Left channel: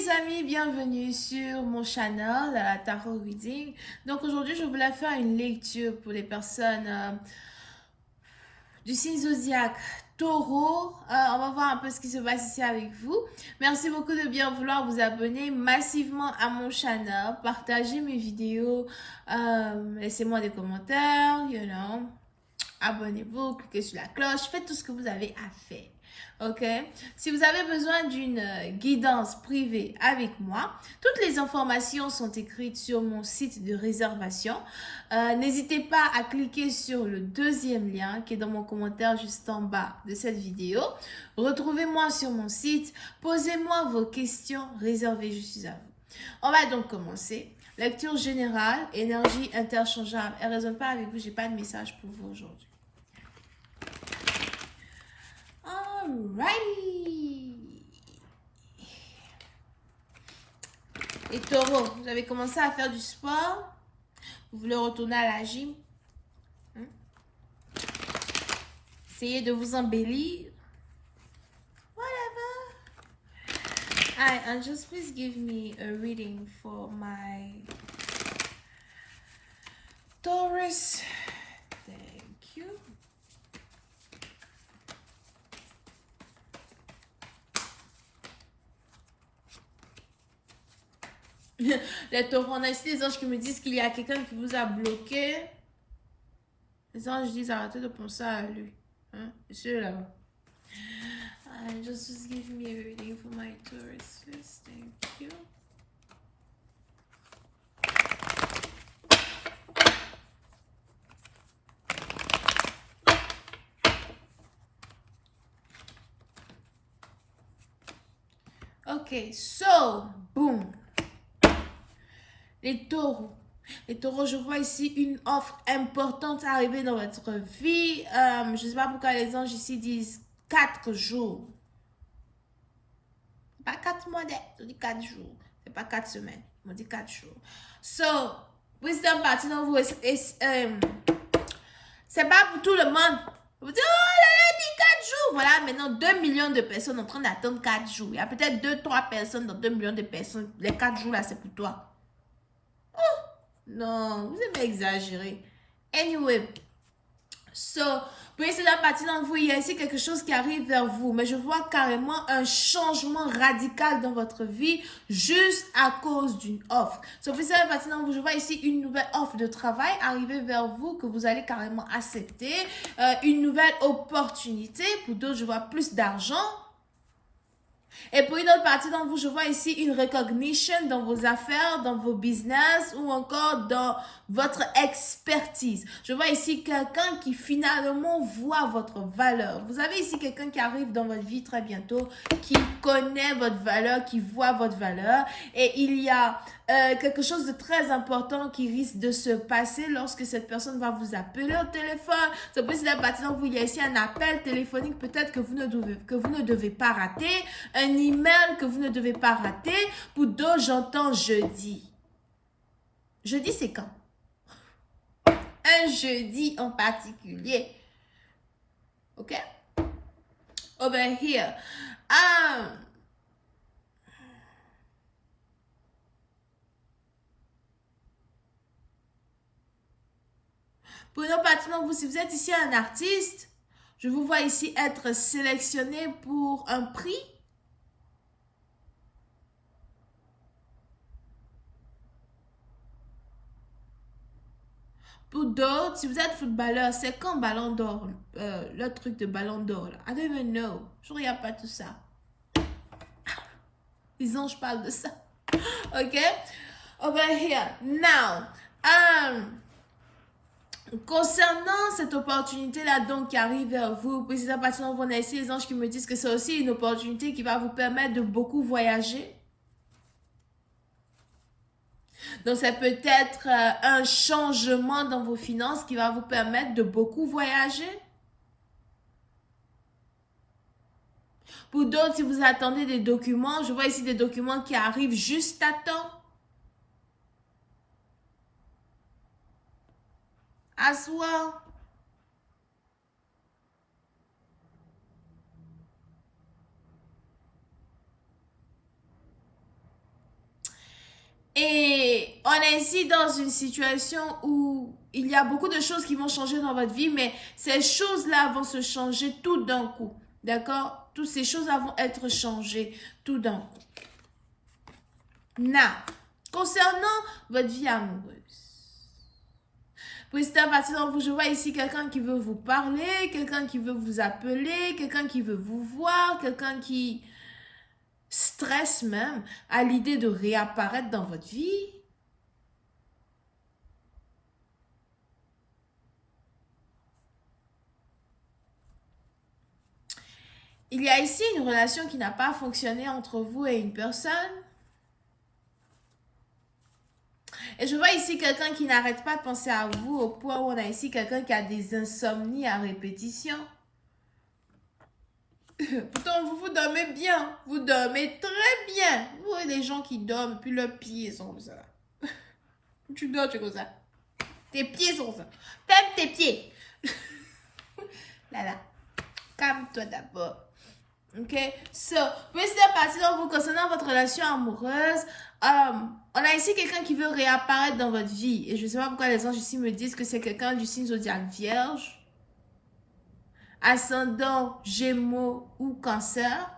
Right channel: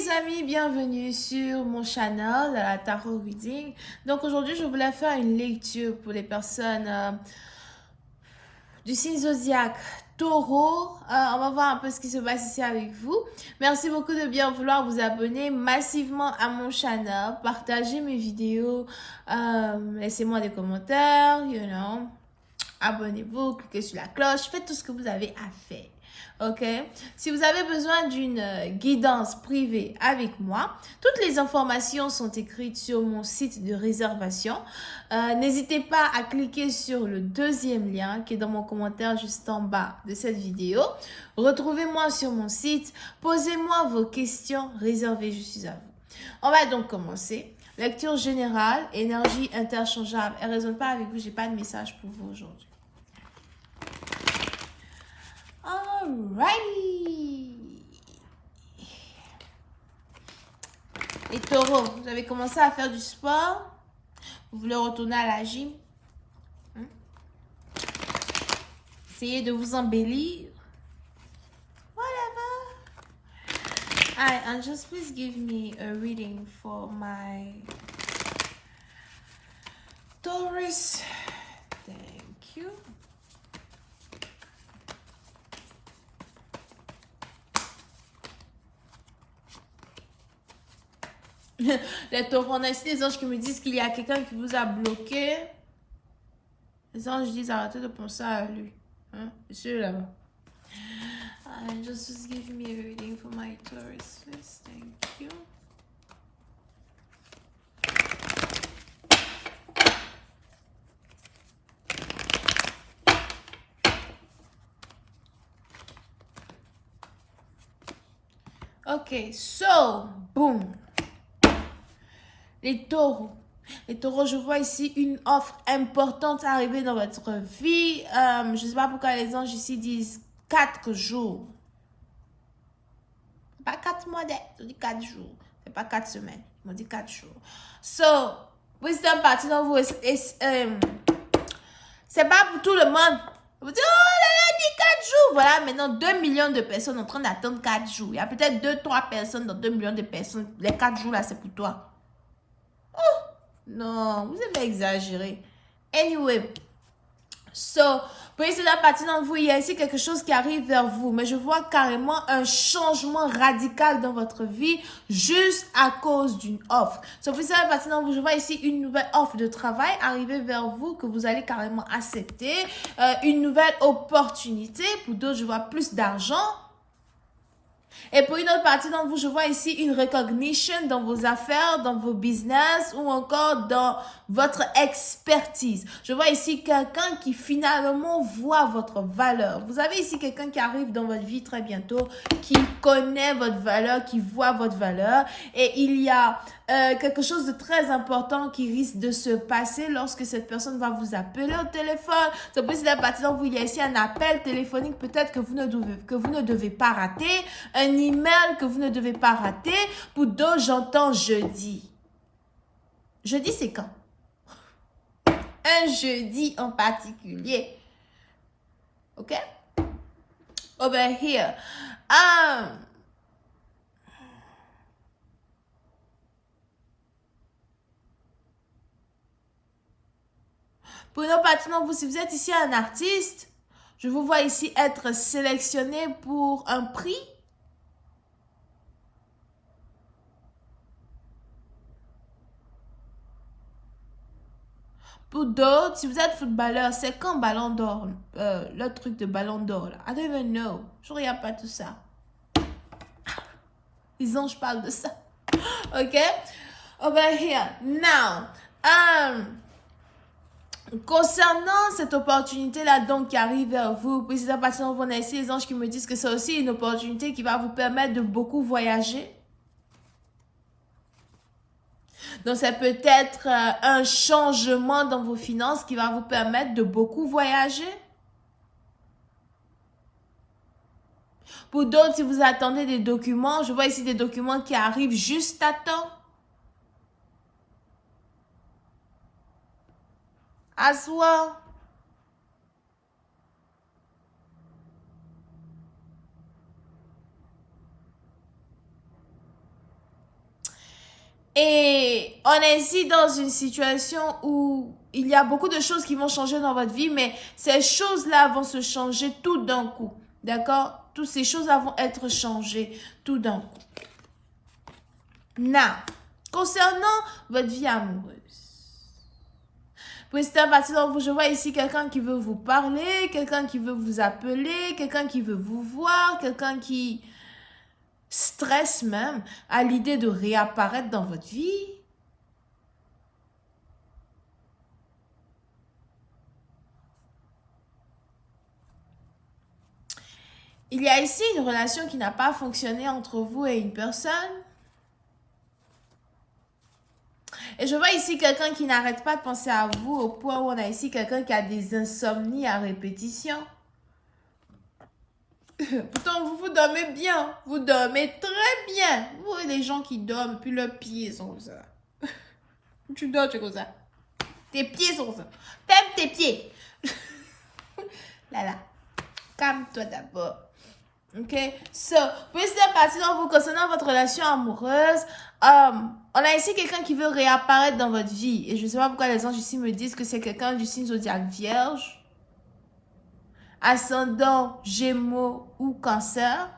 les amis, bienvenue sur mon channel Tarot Reading. Donc aujourd'hui, je voulais faire une lecture pour les personnes du signe zodiaque Taureau. On va voir un peu ce qui se passe ici avec vous. Merci beaucoup de bien vouloir vous abonner massivement à mon channel, partager mes vidéos, laissez-moi des commentaires, abonnez-vous, cliquez sur la cloche, faites tout ce que vous avez à faire. Ok, si vous avez besoin d'une guidance privée avec moi, toutes les informations sont écrites sur mon site de réservation. N'hésitez pas à cliquer sur le deuxième lien qui est dans mon commentaire juste en bas de cette vidéo. Retrouvez-moi sur mon site, posez-moi vos questions réservées, je suis à vous. On va donc commencer. Lecture générale, énergie interchangeable. Elle ne résonne pas avec vous, j'ai pas de message pour vous aujourd'hui. Alrighty. Les taureaux, vous avez commencé à faire du sport. Vous voulez retourner à la gym. Essayez de vous embellir. Whatever. Alright, and just please give me a reading for my Taurus. Thank you. Les taureaux, on a ici des anges qui me disent qu'il y a quelqu'un qui vous a bloqué. Les anges disent arrêtez de penser à lui. Monsieur là-bas. Just give me a reading for my Taurus first. Thank you. Ok, so, boom. Les taureaux. Les taureaux, je vois ici une offre importante arriver dans votre vie. Je ne sais pas pourquoi les anges ici disent 4 jours. Pas 4 mois, ils dit 4 jours. C'est pas 4 semaines. Ils m'ont dit 4 jours. So, wisdom partie dans vous. C'est pas pour tout le monde. Vous dites, oh là là, dit 4 jours. Voilà, maintenant 2 millions de personnes en train d'attendre 4 jours. Il y a peut-être 2-3 personnes dans 2 millions de personnes. Les 4 jours là, c'est pour toi. Oh, non, vous avez exagéré. Anyway, so, pour essayer de partir dans vous, il y a ici quelque chose qui arrive vers vous. Mais je vois carrément un changement radical dans votre vie juste à cause d'une offre. So, pour essayer de partir dans vous, je vois ici une nouvelle offre de travail arriver vers vous que vous allez carrément accepter. Une nouvelle opportunité. Pour d'autres, je vois plus d'argent. Et pour une autre partie d'entre vous, je vois ici une recognition dans vos affaires, dans vos business ou encore dans votre expertise. Je vois ici quelqu'un qui finalement voit votre valeur. Vous avez ici quelqu'un qui arrive dans votre vie très bientôt, qui connaît votre valeur, qui voit votre valeur. Et il y a quelque chose de très important qui risque de se passer lorsque cette personne va vous appeler au téléphone. C'est possible à partir d'entre vous, il y a ici un appel téléphonique peut-être que vous ne devez pas rater, un email que vous ne devez pas rater. Pour d'autres, j'entends jeudi. Jeudi, c'est quand? Un jeudi en particulier. Ok? Over here. Pour une autre partie d'entre vous, si vous êtes ici un artiste, je vous vois ici être sélectionné pour un prix. Pour d'autres, si vous êtes footballeur, c'est quand Ballon d'Or, le truc de Ballon d'Or là. I don't even know. Je regarde pas tout ça. Les anges parlent de ça. Ok? Over here. Now, concernant cette opportunité-là, donc, qui arrive vers vous, puis c'est à partir de vous, on a ici les anges qui me disent que c'est aussi une opportunité qui va vous permettre de beaucoup voyager. Donc, ça peut être un changement dans vos finances qui va vous permettre de beaucoup voyager. Pour d'autres, si vous attendez des documents, je vois ici des documents qui arrivent juste à temps. As well. Et on est ici dans une situation où il y a beaucoup de choses qui vont changer dans votre vie, mais ces choses-là vont se changer tout d'un coup. D'accord? Toutes ces choses-là vont être changées tout d'un coup. Now, concernant votre vie amoureuse. Pour cette partie d'entre vous, je vois ici quelqu'un qui veut vous parler, quelqu'un qui veut vous appeler, quelqu'un qui veut vous voir, quelqu'un qui stresse même à l'idée de réapparaître dans votre vie. Il y a ici une relation qui n'a pas fonctionné entre vous et une personne. Et je vois ici quelqu'un qui n'arrête pas de penser à vous au point où on a ici quelqu'un qui a des insomnies à répétition. Pourtant, vous dormez bien. Vous dormez très bien. Vous voyez les gens qui dorment, puis leurs pieds sont comme ça. Tu dors, tu es comme ça. Tes pieds sont comme ça. Ferme tes pieds. Là. Calme-toi d'abord. Ok? So, pour cette partie dont vous concernant votre relation amoureuse, on a ici quelqu'un qui veut réapparaître dans votre vie. Et je ne sais pas pourquoi les anges ici me disent que c'est quelqu'un du signe zodiaque Vierge, ascendant Gémeaux ou Cancer.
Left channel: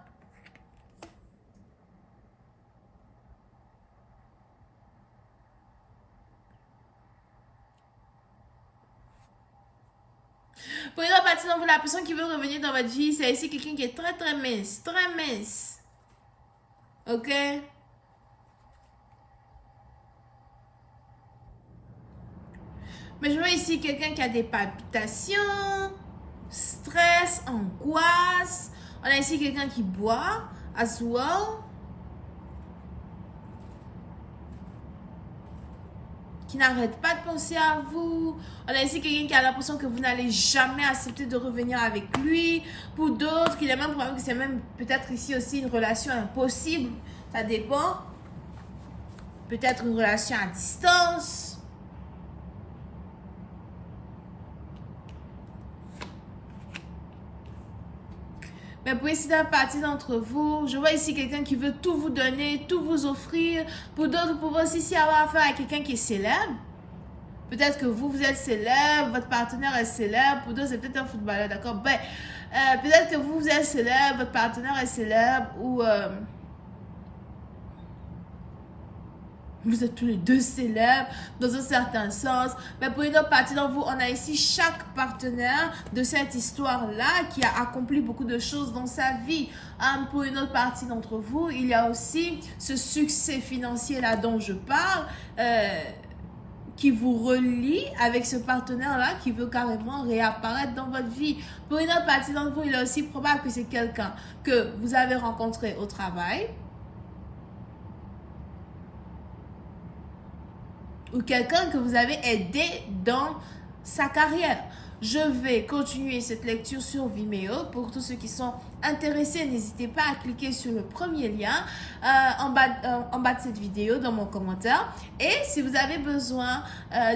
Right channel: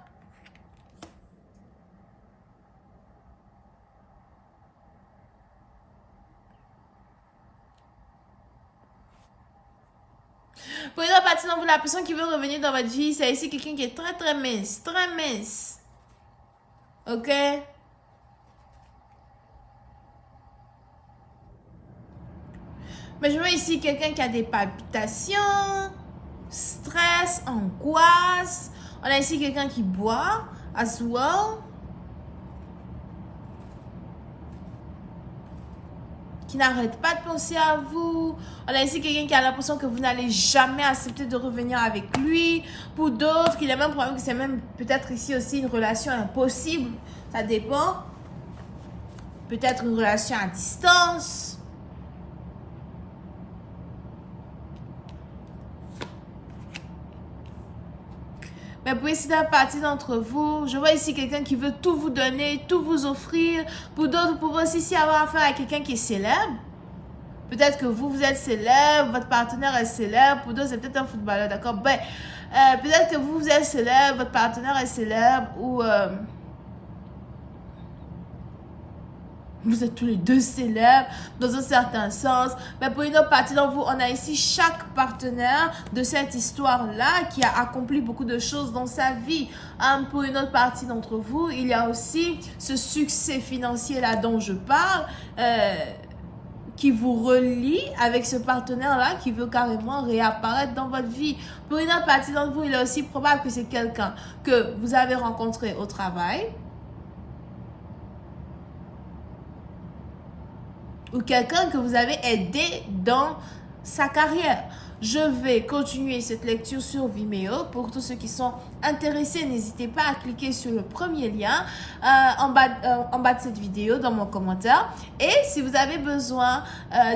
Pour une autre partie d'entre vous, la personne qui veut revenir dans votre vie, c'est ici quelqu'un qui est très très mince. Très mince. Ok? Mais je vois ici quelqu'un qui a des palpitations, stress, angoisse. On a ici quelqu'un qui boit, as well. Qui n'arrête pas de penser à vous. On a ici quelqu'un qui a l'impression que vous n'allez jamais accepter de revenir avec lui. Pour d'autres, il y a même problème que c'est même peut-être ici aussi une relation impossible. Ça dépend. Peut-être une relation à distance. Mais pour ici, d'une partie d'entre vous, je vois ici quelqu'un qui veut tout vous donner, tout vous offrir. Pour d'autres, vous pouvez aussi avoir affaire à quelqu'un qui est célèbre. Peut-être que vous êtes célèbre, votre partenaire est célèbre. Pour d'autres, c'est peut-être un footballeur, d'accord? Ben, peut-être que vous êtes célèbre, votre partenaire est célèbre ou... vous êtes tous les deux célèbres dans un certain sens. Mais pour une autre partie d'entre vous, on a ici chaque partenaire de cette histoire-là qui a accompli beaucoup de choses dans sa vie. Pour une autre partie d'entre vous, il y a aussi ce succès financier-là dont je parle, qui vous relie avec ce partenaire-là qui veut carrément réapparaître dans votre vie. Pour une autre partie d'entre vous, il est aussi probable que c'est quelqu'un que vous avez rencontré au travail, ou quelqu'un que vous avez aidé dans sa carrière. Je vais continuer cette lecture sur Vimeo. Pour tous ceux qui sont intéressés, n'hésitez pas à cliquer sur le premier lien en bas de cette vidéo dans mon commentaire. Et si vous avez besoin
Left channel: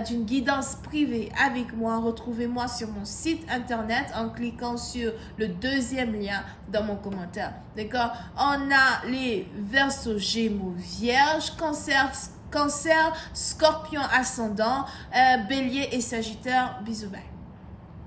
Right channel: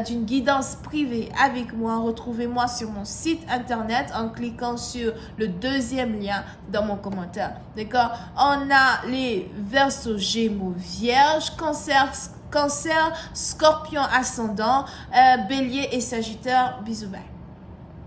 d'une guidance privée avec moi, retrouvez-moi sur mon site internet en cliquant sur le deuxième lien dans mon commentaire. D'accord? On a les Verseaux, Gémeaux, Vierge, Cancer, Scorpion ascendant, Bélier et Sagittaire. Bisous, bye.